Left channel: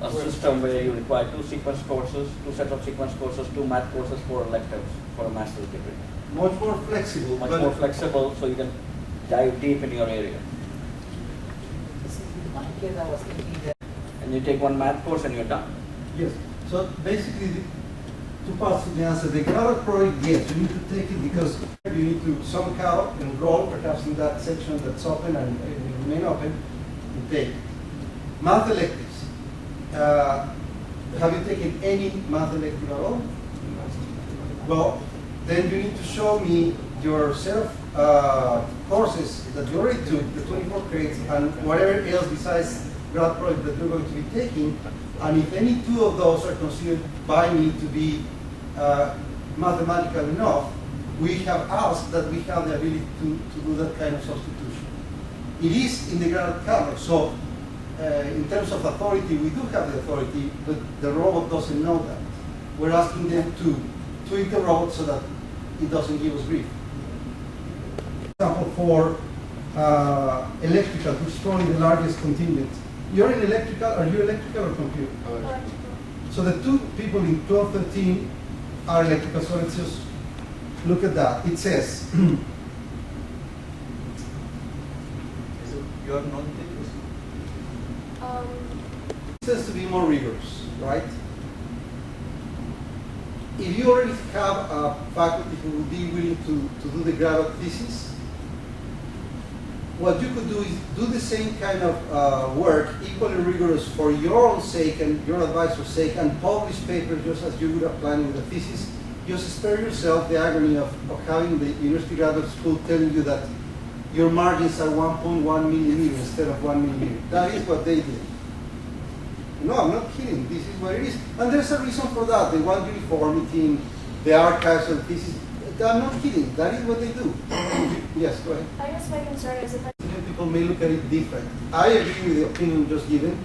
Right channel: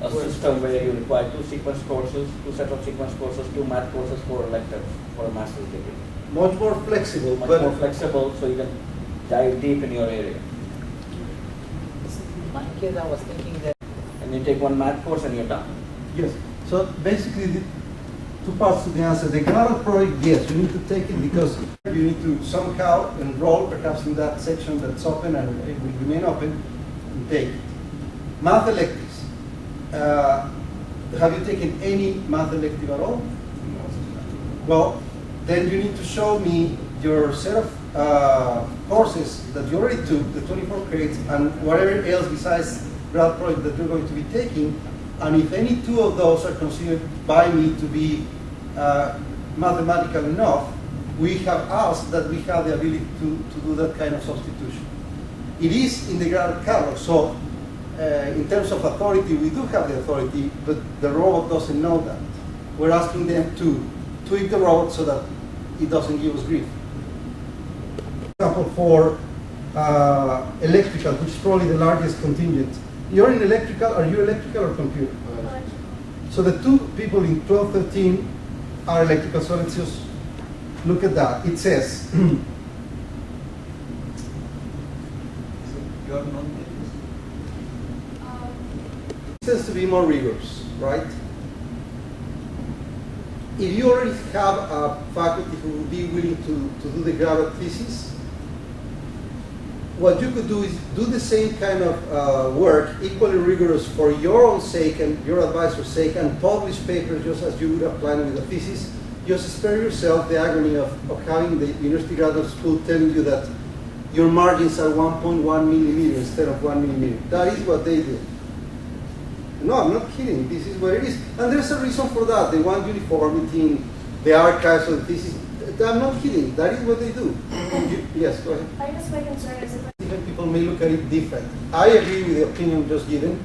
a system where you require 2 sequence courses, 2 sets of sequence courses, 2 math courses, 4 electives for a master's degree. Much more flexible. Much more flexible, so you can dive deep in your area. In my case, I was thinking that. And you take 1 math course and you're done. Yes. So basically, the 2 parts to the answer. The graduate project, yes, you need to take it because you need to somehow enroll perhaps in that section that's open and it will remain open. Okay. Math electives. Have you taken any math elective at all? Well, then you need to show me your set of courses that you already took, the 24 credits, and whatever else besides grad project that you're going to be taking. And if any 2 of those are considered by me to be mathematical enough, we have asked that we have the ability to do that kind of substitution. It is in the grad catalog, so in terms of authority, we do have the authority, but the robot doesn't know that. We're asking them to tweak the robot so that it doesn't give us grief. For example, for electrical, which is probably the largest contingent. You're in electrical, are you electrical or computer? So the 2 people in 12, 13 are electrical, so let's just look at that. It says, You're not. It says to be more rigorous, right? If you already have a faculty who will be willing to do the graduate thesis, what you could do is do the same kind of work, equally rigorous for your own sake and your advisor's sake, and publish papers just as you would have planned with a thesis. Just spare yourself the agony of having the university graduate school telling you that your margins are 1.1 millimeters instead of 1 millimeter. That is what they do. No, I'm not kidding. This is what it is. And there's a reason for that. They want uniformity in the archives of the thesis. I'm not kidding. That is what they do. Yes, go ahead. I guess my concern is if Different people may look at it different. I agree with the opinion just given,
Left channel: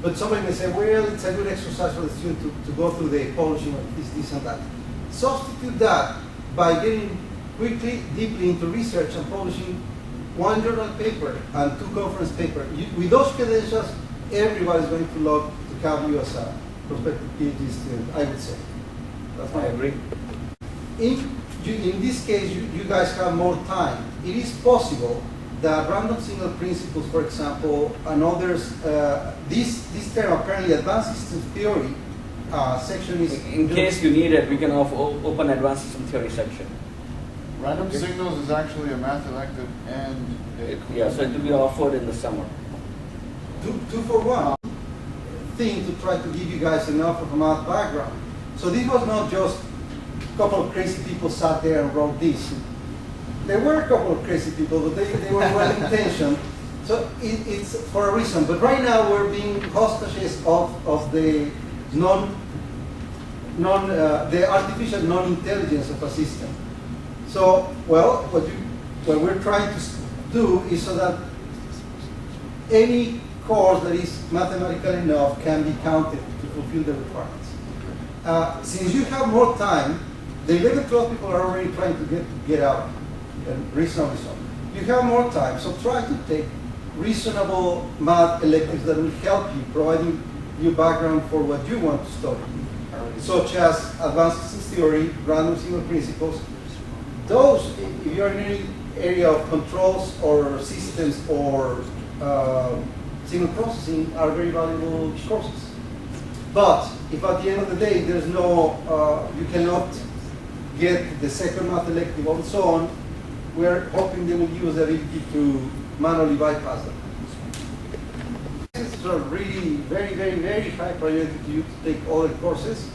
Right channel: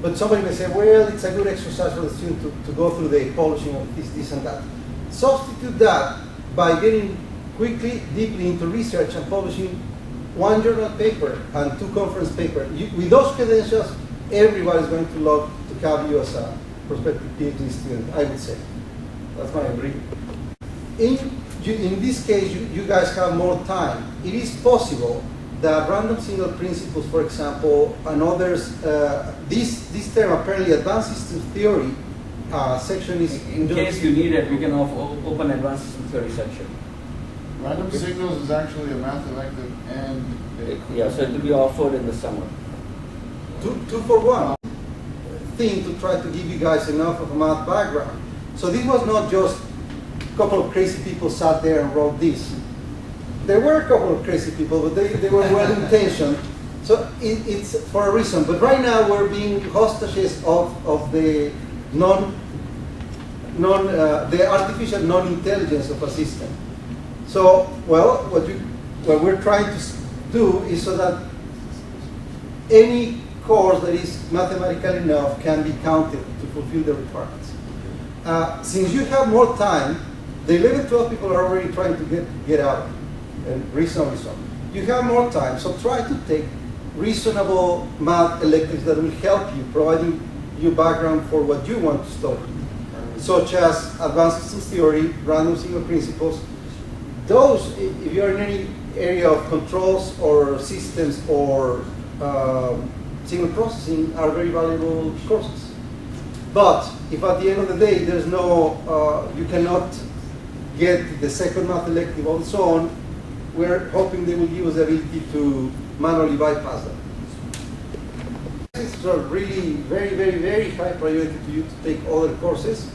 but somebody may say, well, it's a good exercise for the student to go through the polishing of this, and that. Substitute that by getting quickly, deeply into research and publishing 1 journal paper and 2 conference papers. With those credentials, everybody's going to love to have you as a prospective PhD student, I would say. That's my agreement. In this case, you guys have more time. It is possible that random single principles, for example, and others, this term apparently advanced system theory section is... In case you need it, we can open advanced system theory section. Random signals is actually a math elective and... Yeah, so it will be offered in the summer. 2 for 1 thing to try to give you guys enough of a math background. So this was not just a couple of crazy people sat there and wrote this. There were a couple of crazy people, but they were well intentioned. So it's for a reason. But right now we're being hostages of the the artificial non-intelligence of a system. So, well, what we're trying to do is so that any course that is mathematical enough can be counted to fulfill the requirements. Since you have more time, the 11, 12 people are already trying to get out, and reasonably so. You have more time, so try to take reasonable math electives that will help you, providing you background for what you want to study, such as advanced systems theory, random single principles. Those, if you're in any area of controls or systems or signal processing, are very valuable courses. But if at the end of the day there's no, you cannot get the second math elective and so on, we're hoping they will give us the ability to manually bypass them. It's a really very, very, very high priority to you to take other courses.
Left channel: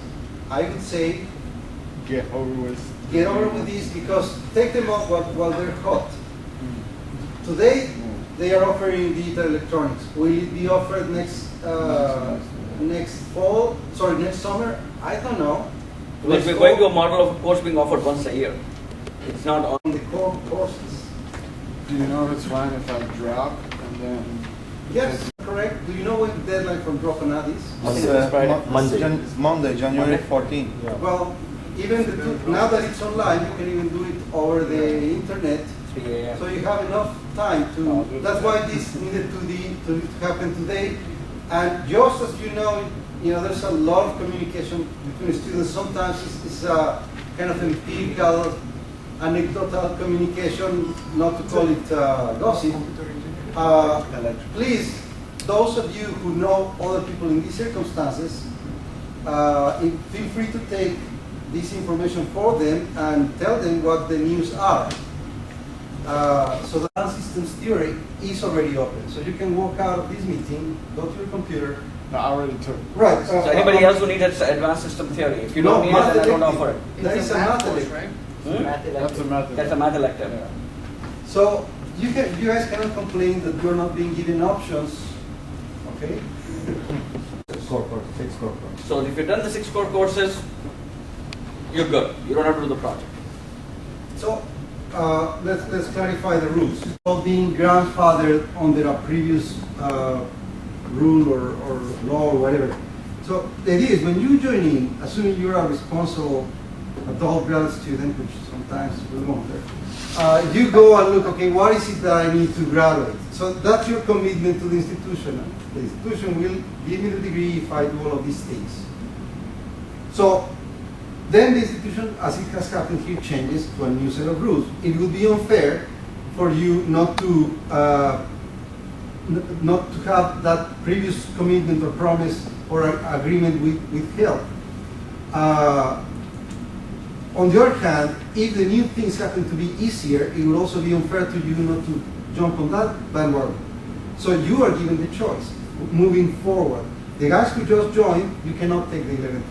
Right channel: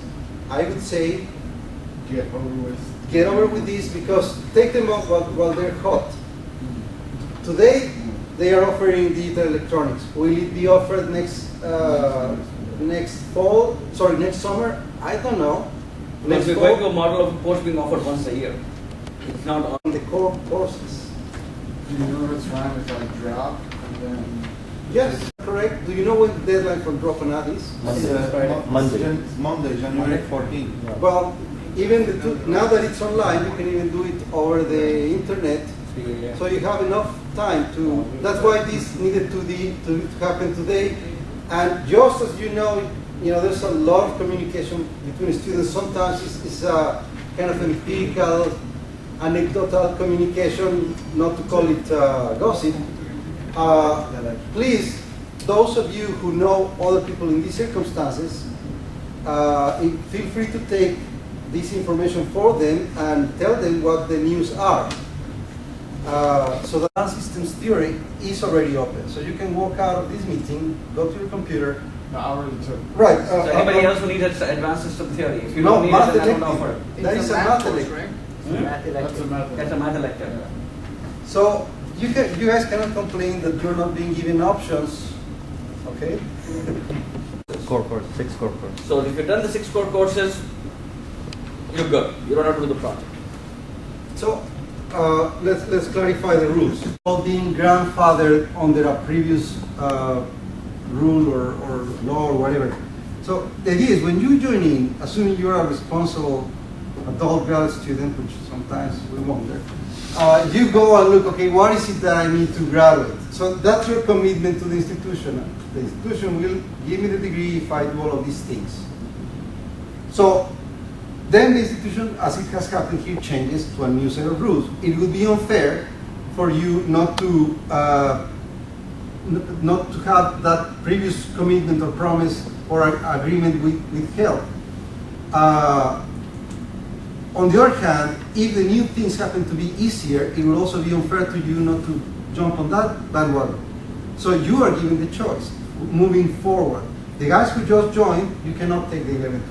I would say Get over with this because take them off while they're hot. Today, they are offering digital electronics. Will it be offered next fall? Sorry, next summer? I don't know. We're going to a model of course being offered once a year. It's not on the core courses. Do you know it's fine if I drop and then? Yes, correct. Do you know when the deadline for drop and add is? Monday, January 14th. Yeah. Well, even now that it's online, you can even do it over the internet. Yeah. So you have enough time to. That's why this needed to happen today. And just as you know, you know, there's a lot of communication between students. Sometimes it's a kind of empirical, anecdotal communication, not to call it gossip. Please, those of you who know other people in these circumstances, feel free to take this information for them and tell them what the news are. So the advanced systems theory is already open. So you can walk out of this meeting, go to your computer. No, I already took. Right. So anybody else who needs advanced system theory? If you No, don't need math it, then I don't elective. offer it. That is a math elective. right? Math That's a elective. math That's a math elective. So you guys cannot complain that you're not being given options, okay? Core course, 6 core courses. So if you've done the 6 core courses, you're good. You don't have to do the project. So let's clarify the rules. All being grandfathered under a previous rule or law or whatever. So the idea is when you join in, assuming you're a responsible adult grad student, which sometimes we wonder, you go and look, okay, what is it that I need to graduate? So that's your commitment to the institution. The institution will give me the degree if I do all of these things. So then the institution, as it has happened here, changes to a new set of rules. It will be unfair for you not to have that previous commitment or promise or agreement withheld. On the other hand, if the new things happen to be easier, it will also be unfair to you not to jump on that bandwagon. So you are given the choice moving forward. The guys who just joined, you cannot take the 11,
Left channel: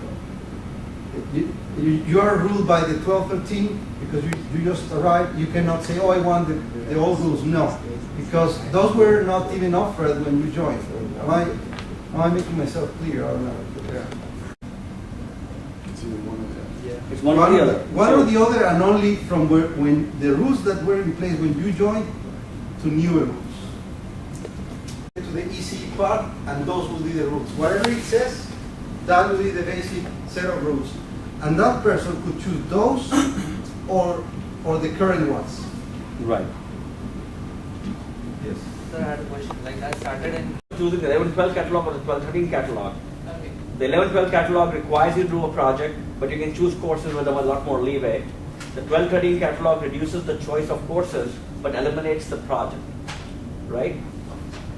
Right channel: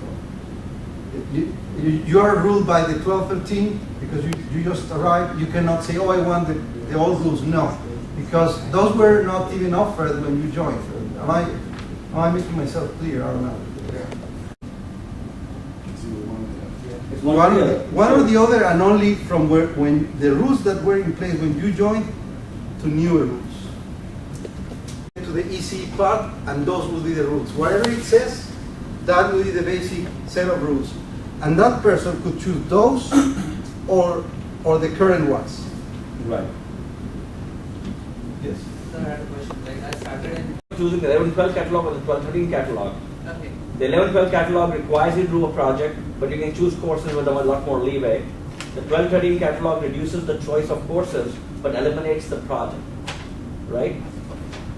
12. You are ruled by the 12, 13 because you just arrived. You cannot say, oh, I want the old rules. No, because those were not even offered when you joined. Am I making myself clear? I don't know. One or the other, and only from when the rules that were in place when you joined to newer rules. To the ECE part, and those will be the rules. Whatever it says, that will be the basic set of rules. And that person could choose those or the current ones. Right. Yes. Like I started in. Choosing the 11-12 catalog or the 12-13 catalog. Okay. The 11-12 catalog requires you to do a project, but you can choose courses with a lot more leeway. The 12-13 catalog reduces the choice of courses, but eliminates the project, right?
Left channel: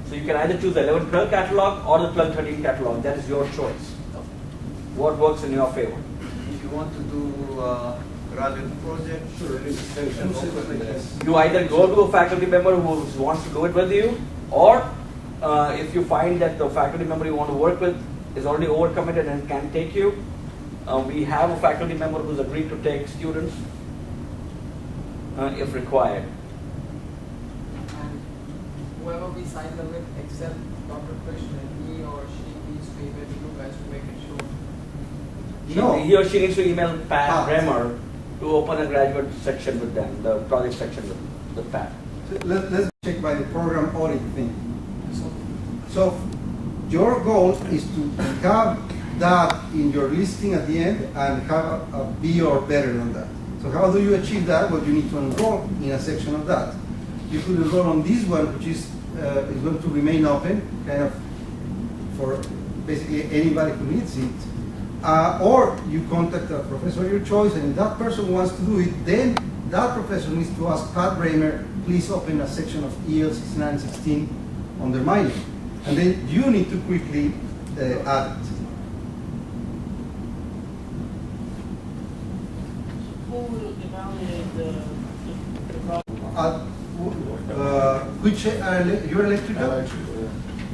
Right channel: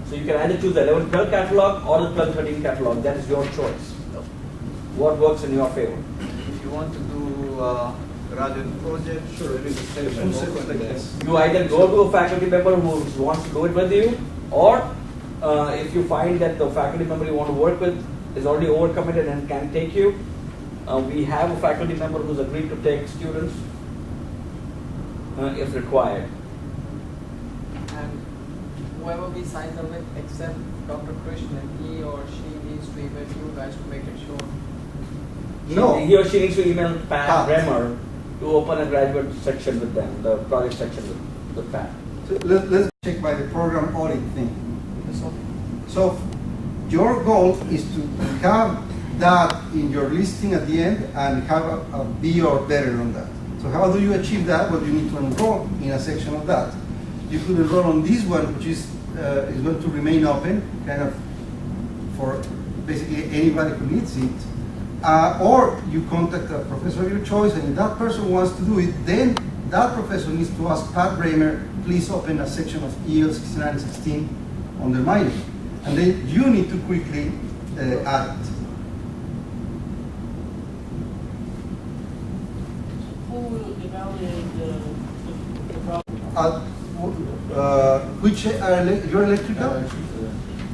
So you can either choose the 11-12 catalog or the 12-13 catalog. That is your choice. What works in your favor? If you want to do graduate project, there is a section open there. You either go to a faculty member who wants to do it with you, or if you find that the faculty member you want to work with is already overcommitted and can take you, we have a faculty member who's agreed to take students if required. And whoever we sign them with, except Dr. Krishnan, he or she needs to email you guys to make it sure. No. He or she needs to email Pat Pat. Bremer to open a graduate section with them, the project section with Pat. So let's check by the program audit thing. So your goal is to have that in your listing at the end and have a B or better on that. So how do you achieve that? Well, you need to enroll in a section of that. You could enroll on this one, which is going to remain open, kind of for basically anybody who needs it. Or you contact a professor of your choice, and if that person wants to do it, then that professor needs to ask Pat Bramer, please open a section of EL 6916 under my name. And then you need to quickly add it. Who will evaluate the project? Which your electrical?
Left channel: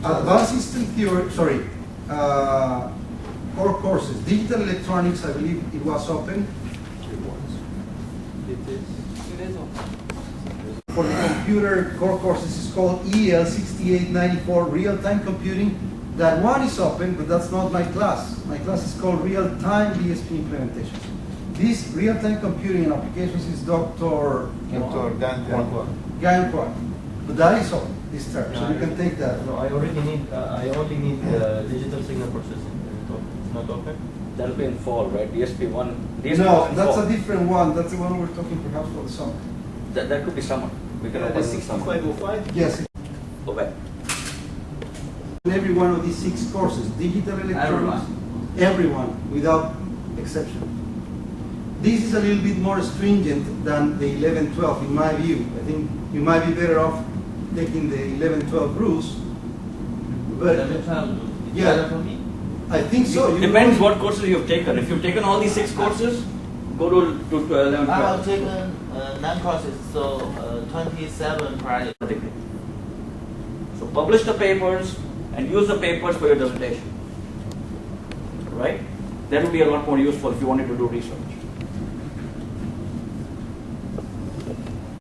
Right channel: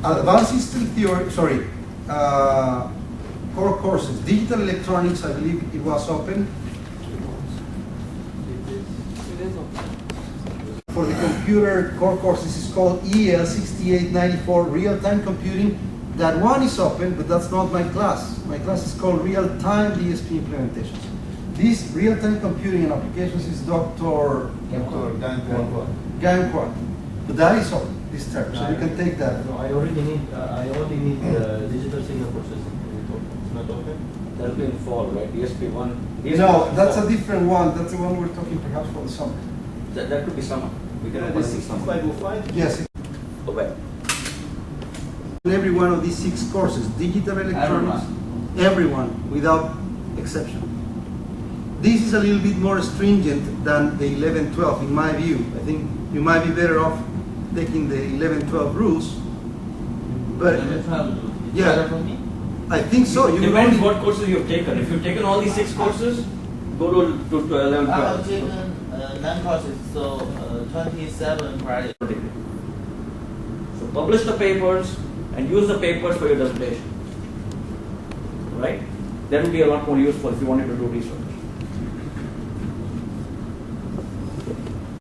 Advanced system theory, sorry, core courses. Digital electronics, I believe it was open. It is open. For the computer core courses is called EL 6894, real-time computing. That one is open, but that's not my class. My class is called real-time DSP implementation. This real-time computing and applications is Dr. Gankwa. But that is open this term, so you can take that. No, I only need digital signal processing. Not open? That'll be in fall, right? DSP 1. DSP No, 1 in that's fall. a different one. That's the one we're talking perhaps for the summer. That could be summer. We can have the 6505. Yes. Oh, wait. every one of these 6 courses, digital electronics, everyone without exception. This is a little bit more stringent than the 11-12 in my view. I think you might be better off taking the 11-12 rules. But yeah, I think so. You Depends what courses you've taken. If you've taken all these 6 courses, go to 11-12. I have taken 9 courses, so 27 credits. Degree. So publish the papers and use the papers for your dissertation. Right? That would be a lot more useful if you wanted to do research.